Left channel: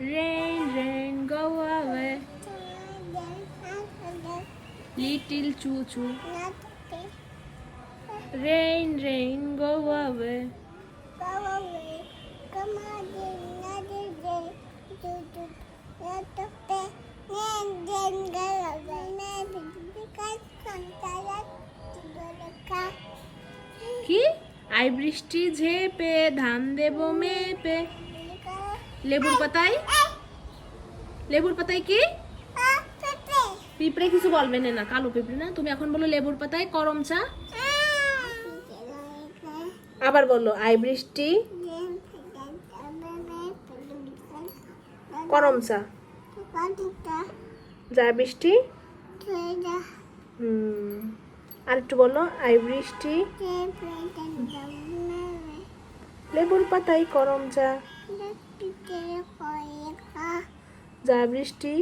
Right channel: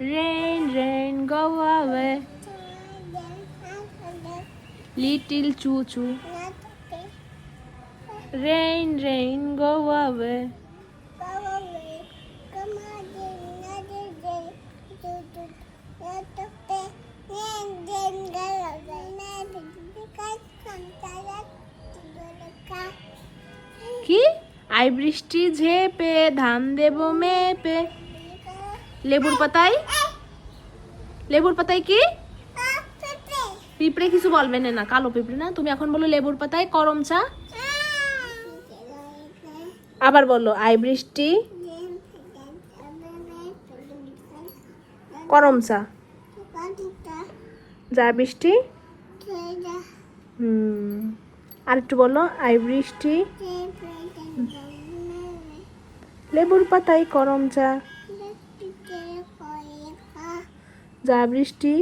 Rain, rain, go away. Little choo choo. Rain, rain, go away. কি I বৃষ্টি ঝেপে ধান দেবো মেপে। লেবুর পাতায় কি পিঁপড়ে কিছু বলবে না, কালো পিঁপড়ে না। তুমি এখন বলো লেবুর পাতায় করম চা। আবার বলো আই বৃষ্টি করম চা। যা বৃষ্টি। আর একটু বলো আই বৃষ্টি লেবুর পাতায় করম চা। যা বৃষ্টি